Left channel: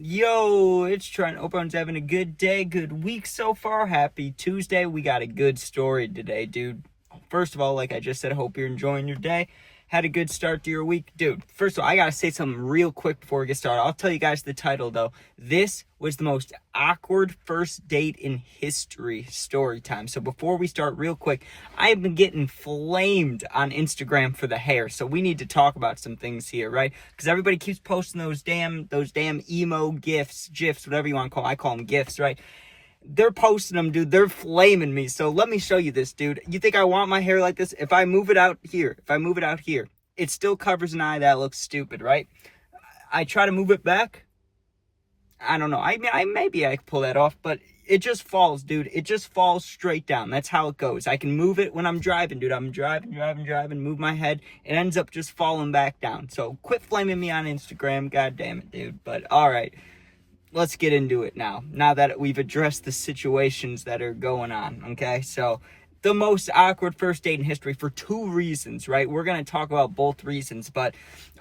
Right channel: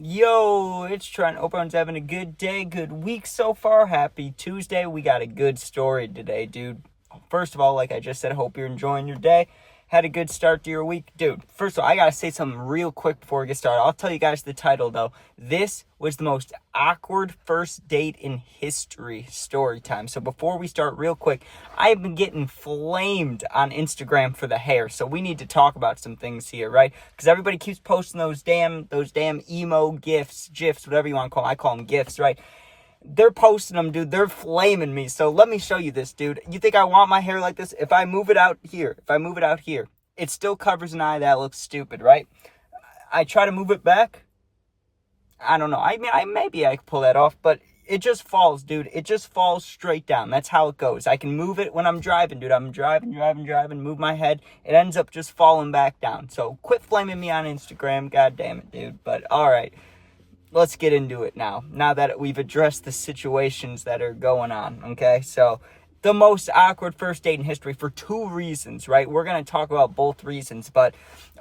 Yo, it's Trent. Hope everyone's having a good day, good week so far. Happy Tuesday. We got a good story today, dude. First of all, like I just said, I hope you're enjoying your day. Had a good start to your week. Dude, first of all, I gotta say something real quick before we get started. I'll tell you guys the title, though. This was the most awkward first date in history, story time. So before we start, real quick, I have been getting flamed on Instagram for the hair. So we need to talk about some things here, right? Because everybody keeps posting those damn emo gifs, whatever you want to call them. I call them gifs, right? They're posting them, dude. They're flaming me. So let me show you this, dude. You think I want my hair like this? If I move it out here, it still covers an eye. That looks stupid, right? I try to move it back. I don't know. Maybe I could pull that off, but it just falls, dude. It just falls straight down. That's how it goes. I can move it when I'm driving, dude. I'm driving, move my head. It ends up just falling back down. So quit flaming me on Instagram. God damn it, dude. But all right. Let's get into it now that we've addressed the situations that are going on, okay? So, the most awkward first date in history for two reasons, right? We're going to talk about both reasons, but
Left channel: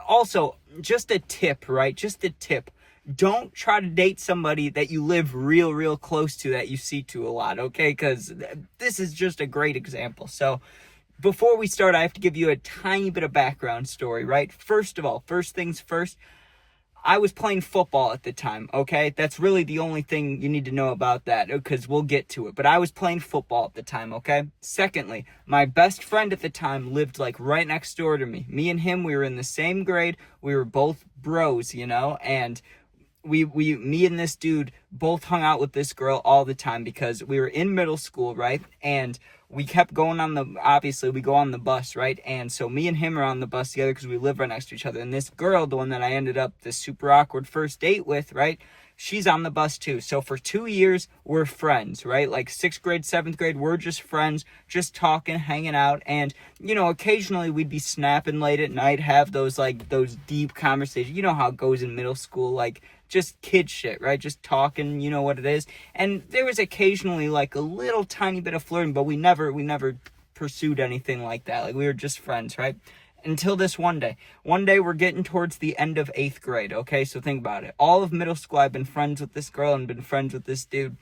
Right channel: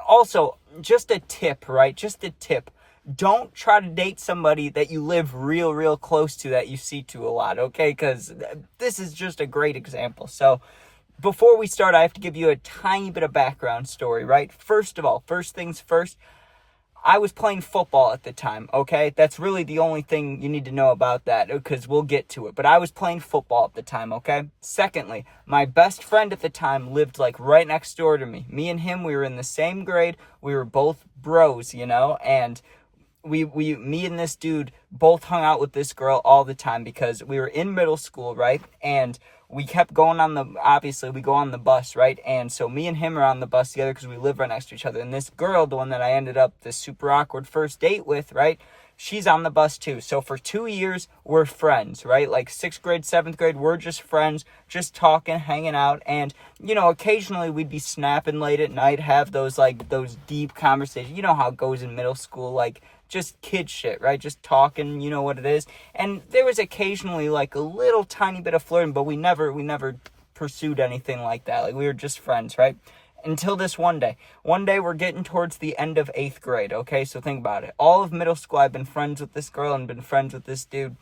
also, just a tip, right? Just a tip. Don't try to date somebody that you live real close to, that you see to a lot, okay? Because this is just a great example. So, before we start, I have to give you a tiny bit of background story, right? First of all, first things first, I was playing football at the time, okay? That's really the only thing you need to know about that, because we'll get to it. But I was playing football at the time, okay? Secondly, my best friend at the time lived, like, right next door to me. Me and him, we were in the same grade. We were both bros, you know? And me and this dude both hung out with this girl all the time because we were in middle school, right? And we kept going obviously we go on the bus, right? And so me and him are on the bus together because we live right next to each other. And this girl, the one that I ended up this super awkward first date with, right? She's on the bus too. So for 2 years, we're friends, right? Like 6th grade, 7th grade, we're just friends, just talking, hanging out. And, you know, occasionally we'd be snapping late at night, have those deep conversations. You know how it goes in middle school, like, just kid shit, right? Just talking, you know what it is. And there was occasionally like a little tiny bit of flirting, but we never pursued anything like that. Like, we were just friends, right? Until this one day. One day we're getting towards the end of 8th grade, okay? So think about it. All of middle school, I've been friends with this girl and been friends with this dude.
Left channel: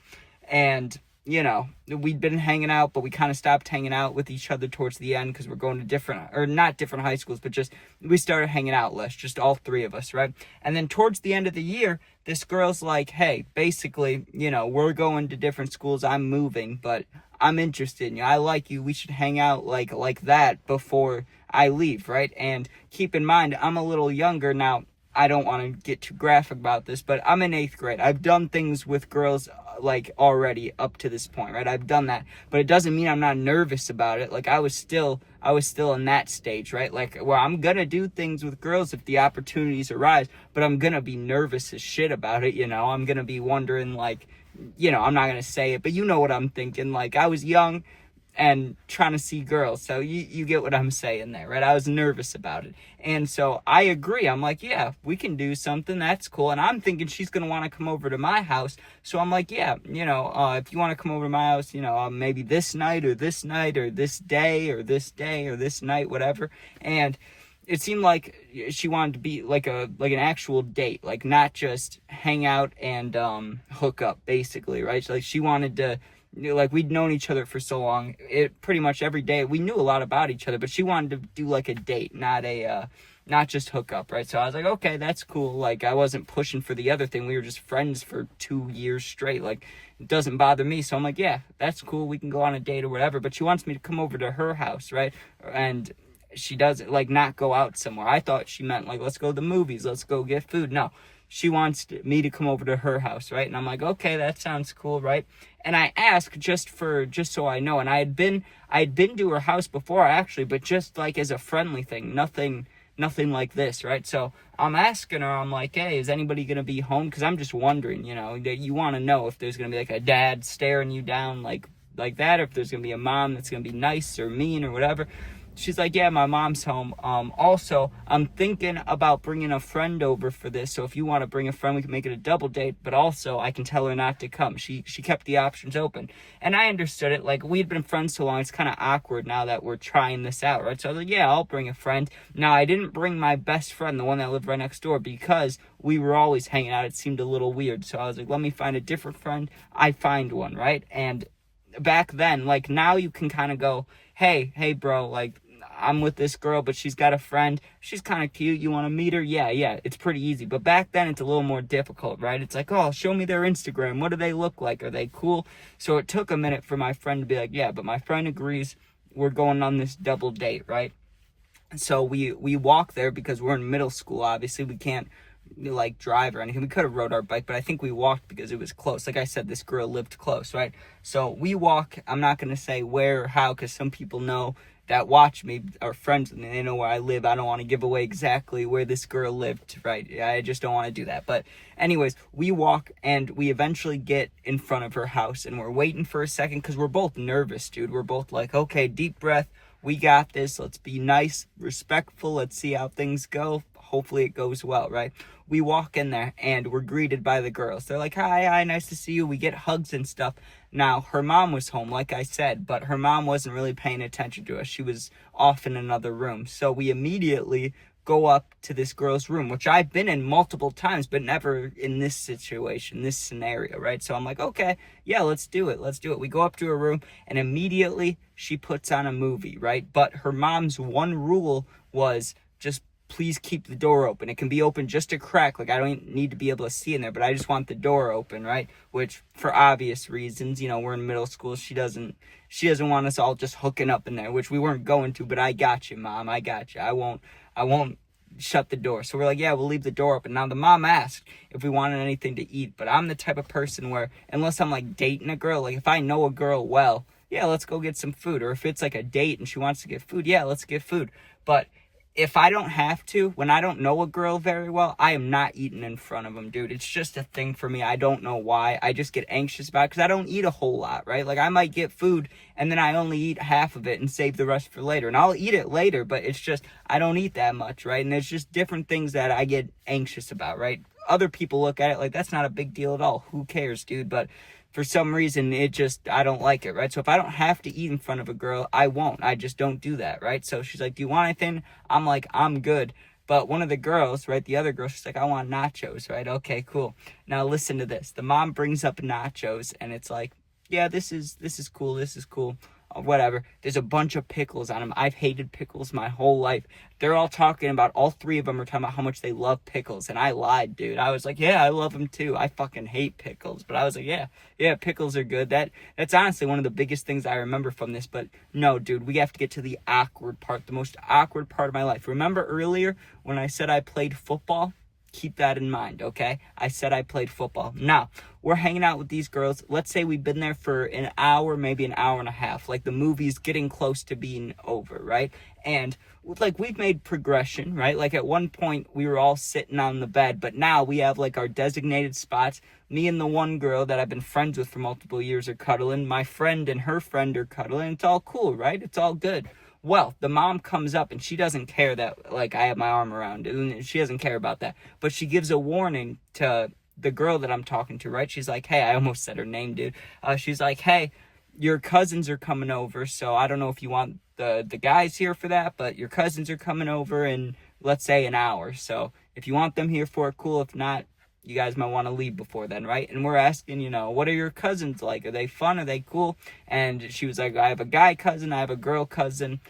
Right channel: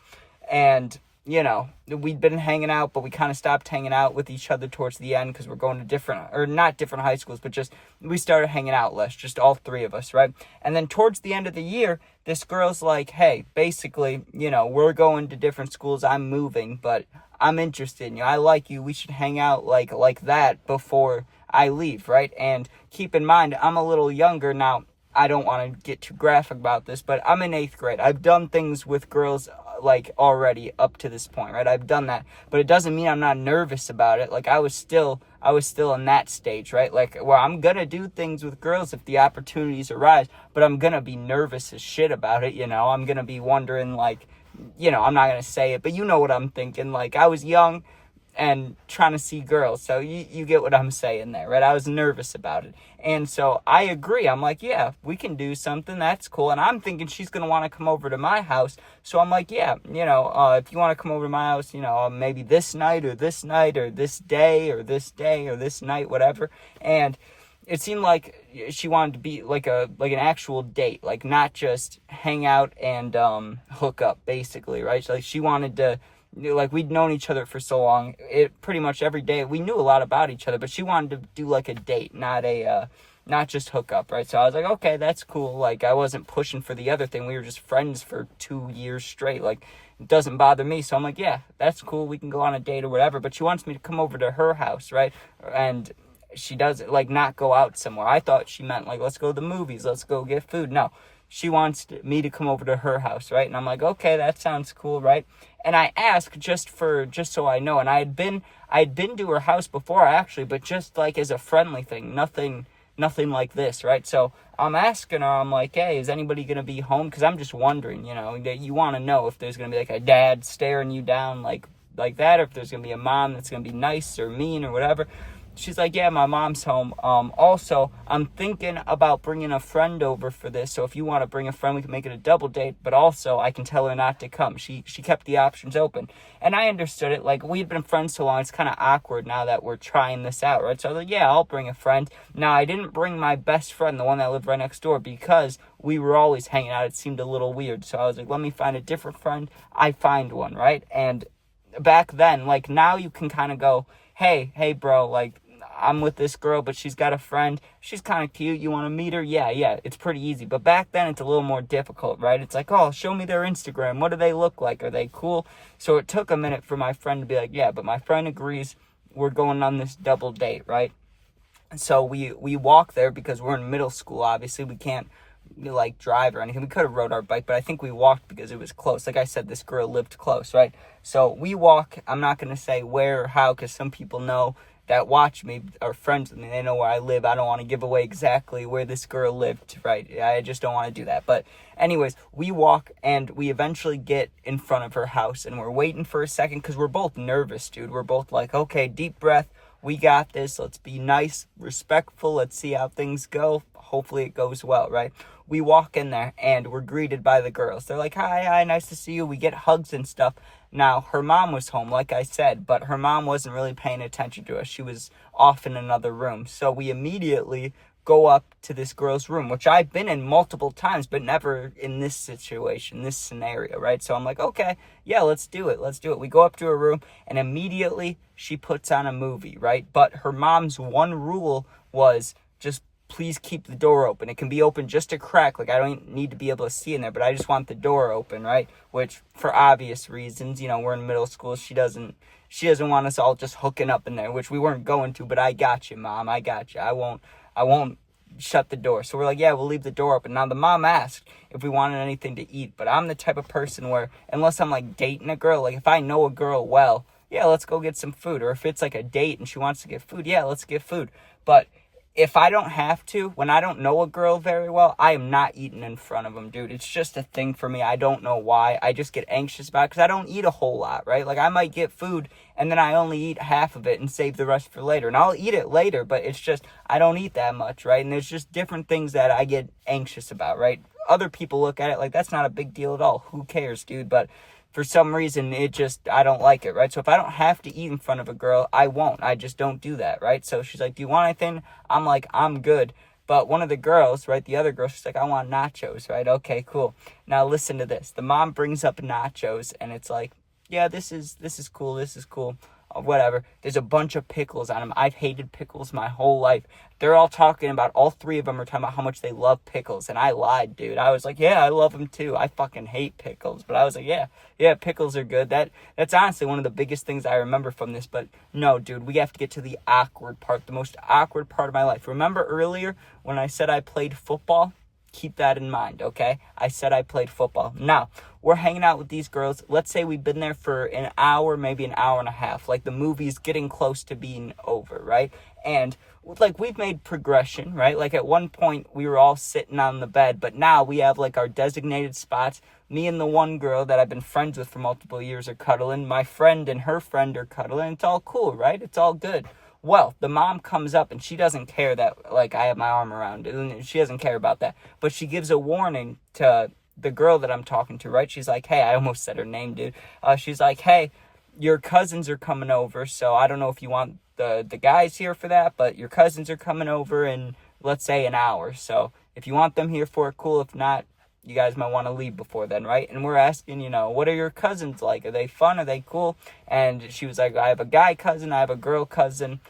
And, you know, we'd been hanging out, but we kind of stopped hanging out with each other towards the end because we're going to not different high schools, but just, we started hanging out less, just all three of us, right? And then towards the end of the year, this girl's like, hey, basically, you know, we're going to different schools, I'm moving, but I'm interested in you, I like you, we should hang out like that before I leave, right? And keep in mind, I'm a little younger now. I don't want to get too graphic about this, but I'm in 8th grade. I've done things with girls like already up to this point, right? I've done that, but it doesn't mean I'm not nervous about it. Like, I was still in that stage, right? Like, well, I'm gonna do things with girls if the opportunities arise, but I'm gonna be nervous as shit about it, you know? I'm gonna be wondering, like, you know, I'm not gonna say it, but you know what I'm thinking. Like, I was young and trying to see girls, so you get what I'm saying there, right? I was nervous about it. And so I agree. I'm like, yeah, we can do something. That's cool. And I'm thinking she's going to want to come over to my house. So I'm like, yeah, you know, if you want to come over to my house, you know, maybe this night or this day or this night, whatever. And it seemed like she wanted to be like an actual date, like not just hang out and hook up, basically, right? So, like, she wanted to, like, we'd known each other for so long, it pretty much every day we knew a lot about each other, but she wanted to do like a date, not just hook up, right? So I was like, okay, that's cool. Like, I wasn't pushing for the other thing. We were just friends for 2 years straight. Like, it doesn't bother me. So I'm like, yeah, that's cool, we can go on a date or whatever. But she wants me to come over to her house, right? And she doesn't, like, not go out somewhere. I thought she meant like, let's go to the movies, let's go get food. No, she wants me to come over to her house, right? And I'm like, okay, that sounds cool, right? And I asked just so I know. And I had been to her house before, actually, but just like as a friendly thing, nothing like this, right? So I'm asking her, I'm like, hey, is anybody gonna be home? Because I'm just wondering, you know, that you want to know if there's gonna be like a dad staring you down like that, or if there's gonna be a mom that's gonna be nice or mean or whatever. She's like, yeah, my mom's home. Also, I'm thinking about bringing a friend over for this. So if you want to bring a friend, we can make it a double date. But also, I can tell her not to come. She kept the options open. And I understood it. Like, we'd been friends so long, it's kind of awkward now that we're trying this out, right? So I was like, yeah, I'll bring a friend. Now, I didn't bring my best friend, the one that lived right next door, because we were always hanging out. It seemed a little weird. So I was like, let me find a different friend. I find one, right? And back then, like, now you can kind of go, hey, bro, like, I'm with this girl, but she's got a friend. She's kind of cute. You want to meet her? Yeah. It's pretty easy. But back then, it's a little more difficult, right? It's like, oh, show me their Instagram. What do they look like? Are they cool? So it took a minute for my friend to be like, yeah, but my friend agrees. We're going on this double date, right? And so we walk there because we're in middle school, obviously. We can't, like, drive or anything. We could have rode our bike, but I think we walked because it was close. Like I said, this girl lived close, right? So we walk. I'm not going to say where or how, because some people know that watch me are friends with me. They know where I live. I don't want to give away exactly where this girl lived, right? I just don't want to do that. But anyways, we walk and we eventually get in front of her house, and we're waiting for a second because we're both nervous, dude. We're both like, okay, deep breath. We got this. Let's be nice, respectful. Let's see how things go. Hopefully it goes well, right? We walk in there and we're greeted by the girls. They're like, hi, nice to see you. We get hugs and stuff. Now, her mom was home, like I said, but her mom wasn't really paying attention to us. She was off in another room. So we immediately go up to this girl's room, which I've been in multiple times, but never in this situation, this scenario, right? So I'm like, okay, yeah, let's do it. We go up to her room, and immediately she puts on a movie, right? But her mom's one rule was just please keep the door open. It can be open just a crack. Like, I don't need to be able to see in there, but I just want the door open, right? Which, for obvious reasons, we're in middle school. She doesn't want us all just hooking up in there, which we weren't going to, but I got you, Mom. I got you. I won't shut the door. So we're like, yeah, we'll leave the door open. Now, the mom asked if we wanted anything to eat, but I'm the type of person where, unless I'm, like, dating a girl, like, if I know a girl well, yeah, let's go get some food. Or if it's, like, a date and she wants to get food, yeah, let's get food. But if I don't have to, when I don't know a girl very well, I am not eating in front of them, dude. It's just a thing for me. I don't know why. I just get anxious about it because I don't eat a whole lot, right? Like, I might get food and then I only eat half of it and save the rest for later. And I'll eat it later, but it's just, I don't eat that much, right? And there's just different things that I get anxious about, right? Other people look at it like, that's not a big deal at all. Who cares, dude? But for some reason, I don't like it, right? So if I don't have to eat in front of a girl, I won't. I just don't do that, right? So she's like, do you want anything? I'm like, I'm good. But one of the girls, right, the other girl, she's like, I want nachos, right? Okay, cool. Now listen to this. The mom brings up nachos, and it's like, yeah, this is cool. Whatever. There's a bunch of pickles on them. I've hated pickles my whole life. They're all talking about, all three of them are talking about how much they love pickles. And I lied, dude. I was like, yeah, I love them too. I fucking hate pickles. But I was like, yeah, pickles are good. That's honestly one of the biggest things I remember from this. But no, dude, we have to get to the awkward part, the most awkward part of my life. Remember earlier when I said I played football? Keep that in mind, okay? I said I played football. Now, we're hanging out with these girls. Let's say we've been there for an hour, maybe an hour and a half. Like, the movie's getting close to being over, right? And, like, we've made progression, right? Like, at one point, we were all sitting on the bed, but now we have, like, our designated spots. Me and the one girl that I've been friends with for multiple years are cuddling. My friend and her friend are cuddling. It's all cool, right? It's all good. Well, the mom comes up and she doesn't care that, like, I have my arm around it. And she doesn't care about that. But she gives a warning to the girl that I'm talking to, right? She's like, hey, I almost said her name, dude. She's like, hey, your cousins are coming over. So I don't know if you want the guys here for that, but your cousins are coming over in, let's say, an hour. So if you want them here for it, cool. If not, you guys might want to leave before then, right? And we're asking, what are your cousins like? Are they fun? Are they cool? And she was like, I have a guy cousin. I have a girl cousin.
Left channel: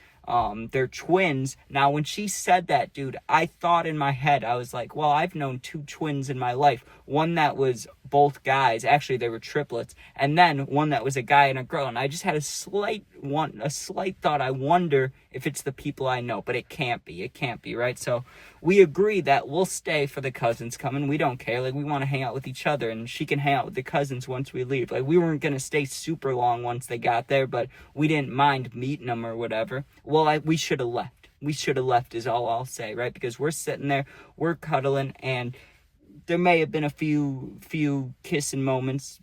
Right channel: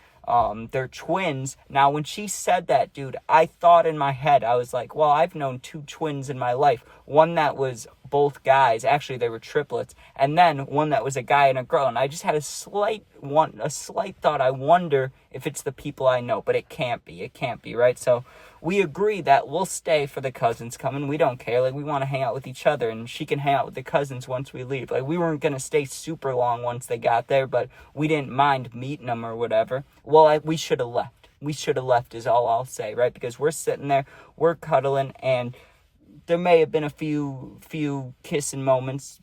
They're twins. Now, when she said that, dude, I thought in my head, I was like, well, I've known two twins in my life. One that was both guys. Actually, they were triplets. And then one that was a guy and a girl. And I just had a slight thought. I wonder if it's the people I know, but it can't be. It can't be, right? So we agree that we'll stay for the cousins coming. We don't care. Like, we want to hang out with each other, and she can hang out with the cousins once we leave. Like, we weren't going to stay super long once they got there, but we didn't mind meeting them or whatever. Well, we should have left. We should have left is all I'll say, right? Because we're sitting there, we're cuddling, and there may have been a few kissing moments,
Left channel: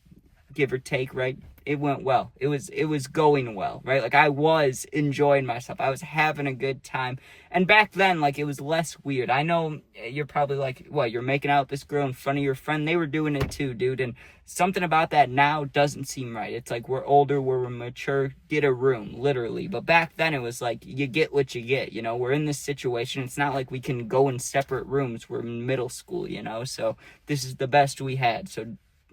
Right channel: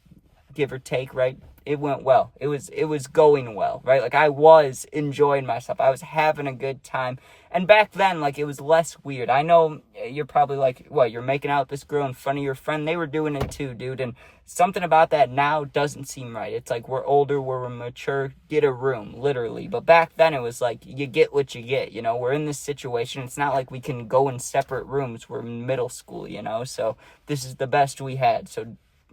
give or take, right? It went well. It was going well, right? Like, I was enjoying myself. I was having a good time. And back then, like, it was less weird. I know you're probably like, what, you're making out with this girl in front of your friend? They were doing it too, dude. And something about that now doesn't seem right. It's like we're older, we're mature, get a room, literally. But back then it was like, you get what you get, you know? We're in this situation. It's not like we can go in separate rooms. We're in middle school, you know? So this is the best we had. So,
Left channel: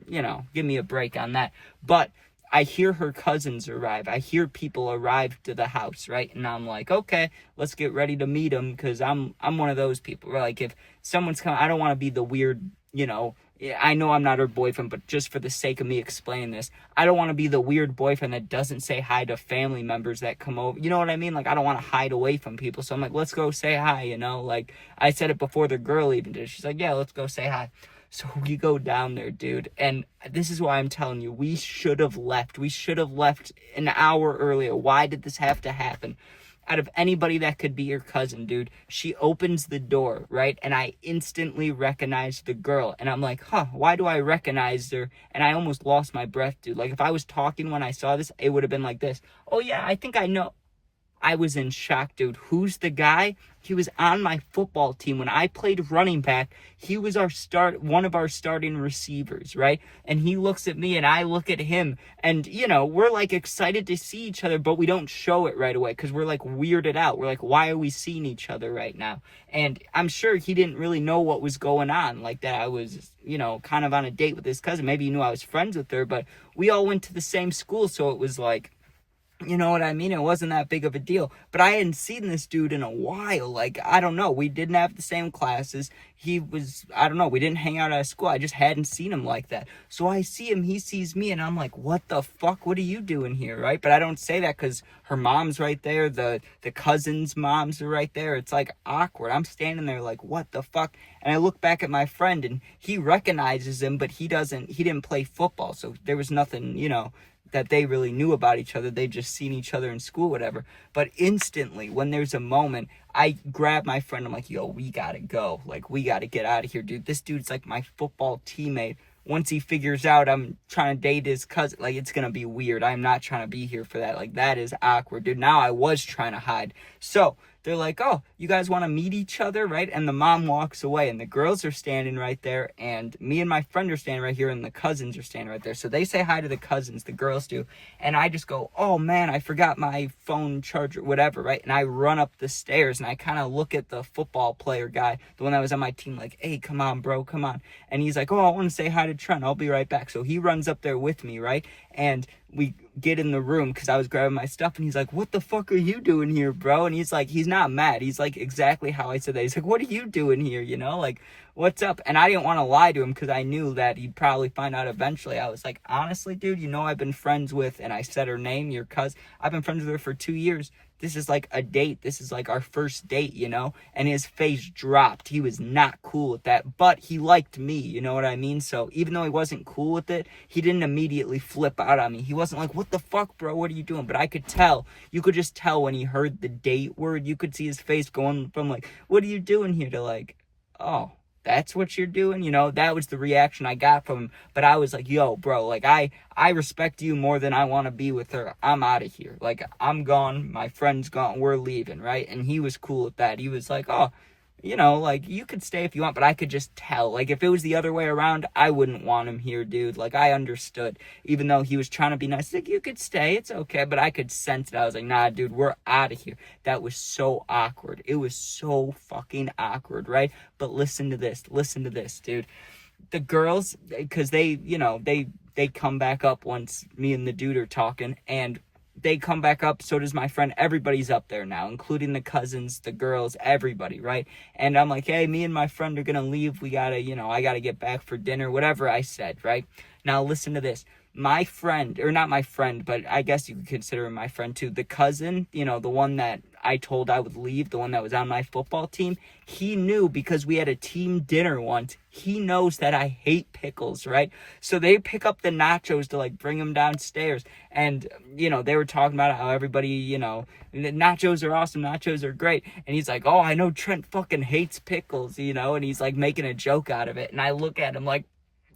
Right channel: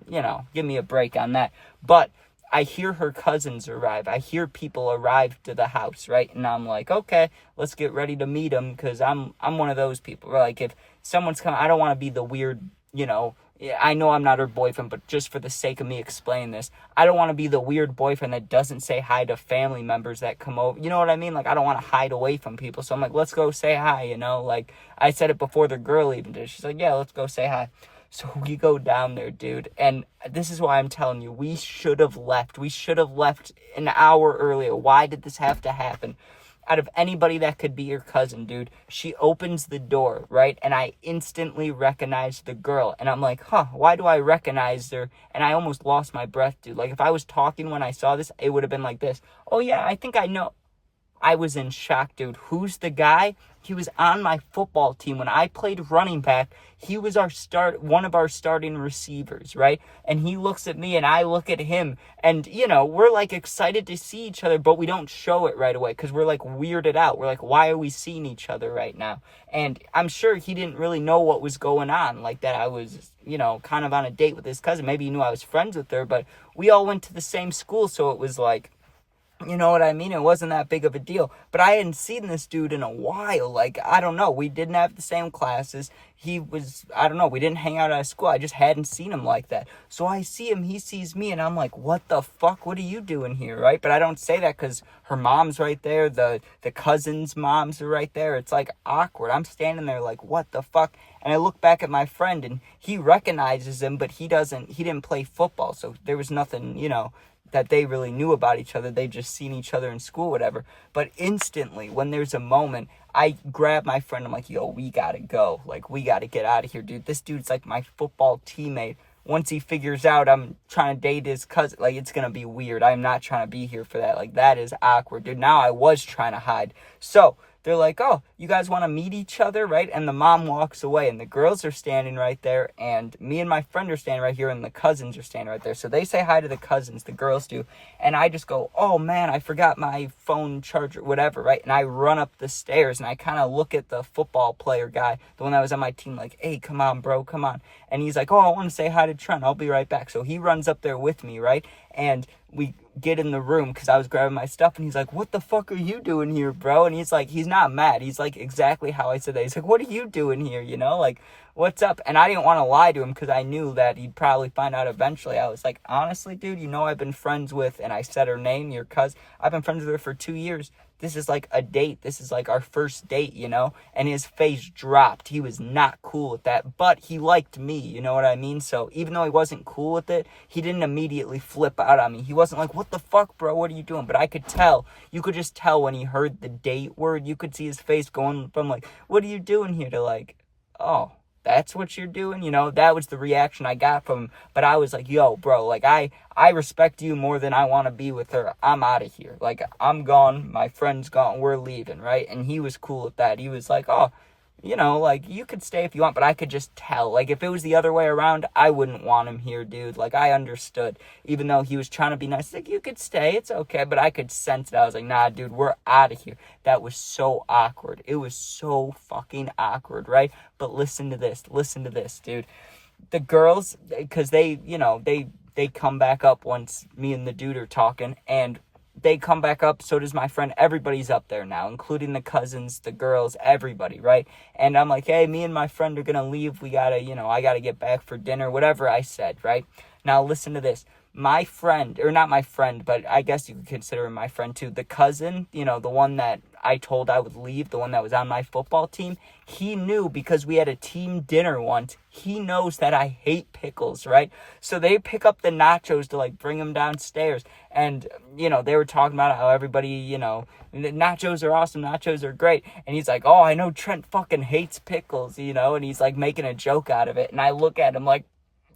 you know, give me a break on that. But I hear her cousins arrive. I hear people arrive to the house, right? And I'm like, okay, let's get ready to meet them, because I'm one of those people where, like, if someone's coming, I don't want to be the weird, you know, I know I'm not her boyfriend, but just for the sake of me explaining this, I don't want to be the weird boyfriend that doesn't say hi to family members that come over. You know what I mean? Like, I don't want to hide away from people. So I'm like, let's go say hi, you know? Like, I said it before the girl even did. She's like, yeah, let's go say hi. So we go down there, dude, and this is why I'm telling you, we should have left. We should have left an hour earlier. Why did this have to happen? Out of anybody that could be your cousin, dude, she opens the door, right? And I instantly recognize the girl. And I'm like, why do I recognize her? And I almost lost my breath, dude. Like, if I was talking when I saw this, it would have been like this. Oh, yeah, I think I know. I was in shock, dude. Who's the guy? He was on my football team. When I played running back, he was one of our starting receivers, right? And he looks at me and I look at him. And, you know, we're like excited to see each other, but we don't show it right away because we're like weirded out. We're like, why are we seeing each other right now? And I'm sure he didn't really know what was going on, like that I was, you know, kind of on a date with his cousin. Maybe he knew I was friends with her, but we all went to the same school, so it was like, you know what I mean? It wasn't that big of a deal. But I hadn't seen this dude in a while. Like, I don't know. We didn't have the same classes. He was, I don't know. We didn't hang out at school. I just hadn't seen him like that. So I see him. He sees me. And I'm like, what the fuck? What are you doing here, right? But I don't say that because her mom's right there. The cousin's moms are right there. It's like awkward. I'm standing there like, what the fuck? And I look back at my friend and he recognizes him, but he didn't play football. So there was nothing, you know, that they really knew about each other. They just seen each other in school, whatever. But instantly, when there's a moment, I grab my friend. I'm like, yo, we gotta go. Like, we gotta get out of here, dude. This dude's like my football teammate. Once he figures out I'm trying to date his cousin, like, it's gonna be weird. I'm not trying to be here for that. Like, that is awkward, dude. Now I was trying to hide. So they're like, oh, you guys want to meet each other, right? And the mom walks away, and the girls are standing right there, and me and my friend are standing right here, and the cousins are standing right there. So they say hi to the cousins, the girls do, and I just go, oh, man, I forgot my phone charger, whatever, right? And I run up the stairs, and I kind of look at the football player guy, the one that was on my team, like, hey, come on, bro, come on. And he's like, oh, I want to say hi to Trent. I'll be right back. So he runs up there with me, right? And we get in the room because I was grabbing my stuff, and he's like, what the fuck are you doing here, bro? And he's like, he's not mad. He's like exactly how I said that. He's like, what are you doing here, you know? Like, what's up? And I didn't want to lie to him because I knew that he'd probably find out eventually. I was like, honestly, dude, you know I've been friends with, and I said her name, your cousin. I've been friends with her for 2 years. This is like a date. This is like our first date, you know? And his face dropped. He was not cool with that, but he liked me, you know what I mean? So even though he wasn't cool with it, he didn't immediately flip out on me. He wasn't like, what the fuck, bro? What are you doing? But I could tell. You could just tell when he heard the date word. You could see his face going from like, what are you doing here, to like, oh, that's what you're doing? You know, that was the reaction I got from him. But I was like, yo, bro, like, I respect you more than I want to be with her. I'm out of here. Like, I'm gone. My friend's gone. We're leaving, right? And he was cool with that. He was like, oh, you know, like, you could stay if you want, but I could just tell. Like, if it was the other way around, I wouldn't want him here, dude. Like, I understood. Even though he was trying to be nice, like, you could stay, it's okay, but I could sense it. I was like, nah, dude, we're out of here. That was so awkward. It was so fucking awkward, right? But listen to this, dude. The girls, because they, you know, they come back up once me and the dude are talking, and they come back up, so does my friend. Everybody's up there now, including the cousins, the girls, everybody, right? And I'm like, hey, me and my friend are gonna leave. We gotta, you know, I gotta get back for dinner, whatever I said, right? Now listen to this. My friend, or not my friend, but I guess you could consider him my friend too, the cousin, you know, the one that I told I would leave, the one that was on my football team, he knew because we had a team dinner once. He knows that I hate pickles, right? So they pick up the nachos to, like, bring them downstairs. And, you know, they were talking about how everybody, you know, nachos are awesome, nachos are great. And he's like, oh, I know Trent fucking hates pickles, you know, and he's, like, making a joke out of it. And I look at him like,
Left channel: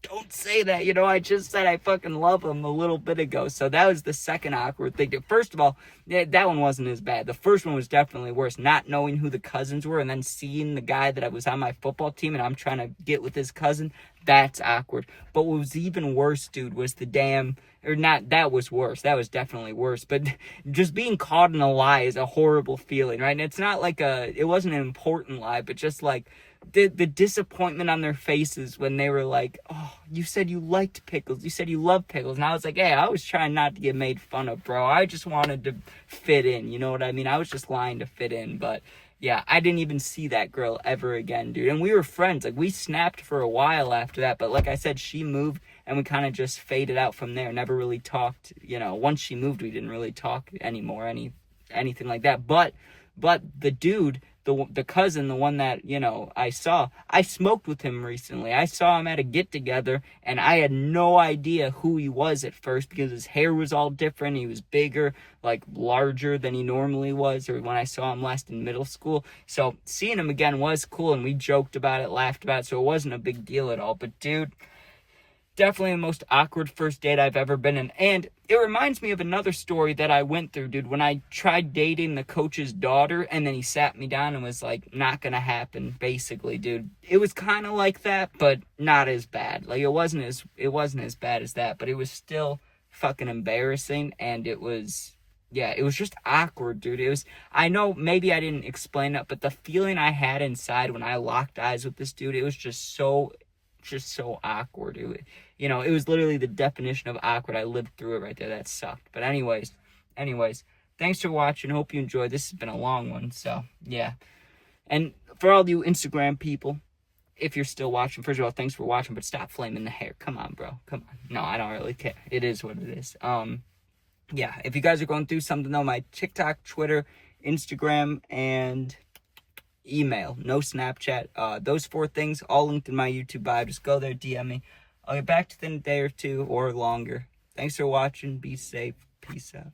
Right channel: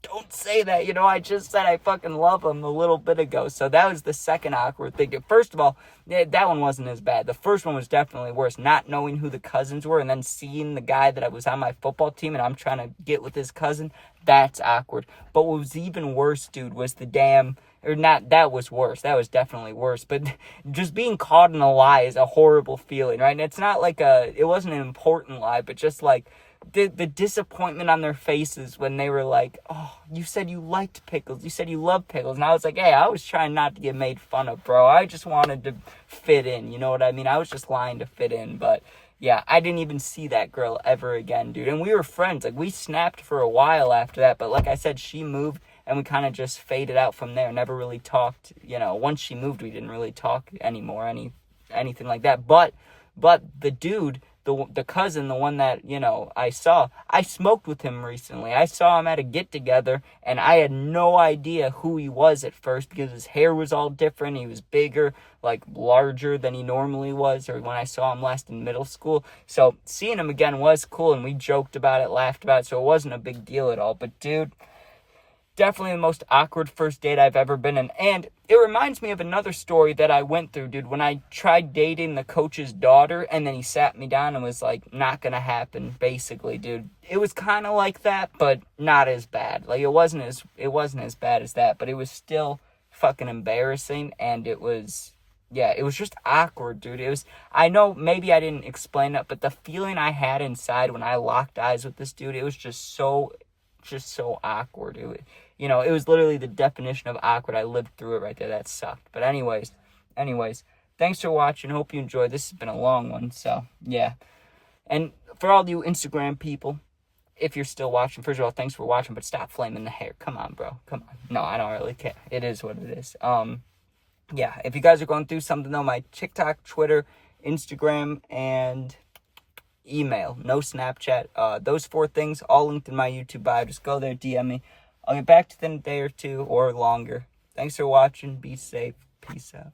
don't say that. I just said I fucking love him a little bit ago. So that was the second awkward thing. First of all, that one wasn't as bad. The first one was definitely worse. Not knowing who the cousins were and then seeing the guy that I was on my football team and I'm trying to get with his cousin. That's awkward. But what was even worse, dude, was the damn... Or not, that was worse. That was definitely worse. But just being caught in a lie is a horrible feeling, right? And it's not like it wasn't an important lie, but just like the disappointment on their faces when they were like, oh, you said you liked pickles. You said you loved pickles. And I was like, hey, I was trying not to get made fun of, bro. I just wanted to fit in. You know what I mean? I was just lying to fit in. But yeah, I didn't even see that girl ever again, dude. And we were friends. Like, we snapped for a while after that. But like I said, she moved. And we kind of just faded out from there. Never really talked. Once she moved, we didn't really talk anymore, anything like that. But the dude, the cousin, the one that, I smoked with him recently. I saw him at a get-together, and I had no idea who he was at first because his hair was all different. He was bigger, like larger than he normally was, or when I saw him last in middle school. So seeing him again was cool, and we joked about it, laughed about it, so it wasn't a big deal at all. But, dude... definitely the most awkward first date I've ever been in. And it reminds me of another story that I went through, dude, when I tried dating the coach's daughter and then he sat me down and was like, not gonna happen, basically, dude. It was kind of like that, but not as bad. Like, it wasn't as bad as that, but it was still fucking embarrassing, and it was just awkward, dude. I know maybe I didn't explain it, but the feeling I had inside when I locked eyes with this dude, it was just so awkward. It was literally the definition of awkward. I lived through it right there. That sucked. But anyways, thanks for watching. Hope you enjoyed. This has been a long one, so yeah. And for all you Instagram people, if you're still watching, first of all, thanks for watching, but stop flaming the hair. Come on, bro. Come on. No, I don't really care. It is what it is. Yeah, if you guys are going through something, though, my TikTok, Twitter, Instagram, and email, no Snapchat, those 4 things all linked in my YouTube bio. Just go there, DM me. I'll get back to you in a day or 2 or longer. Thanks for watching. Be safe. Peace out.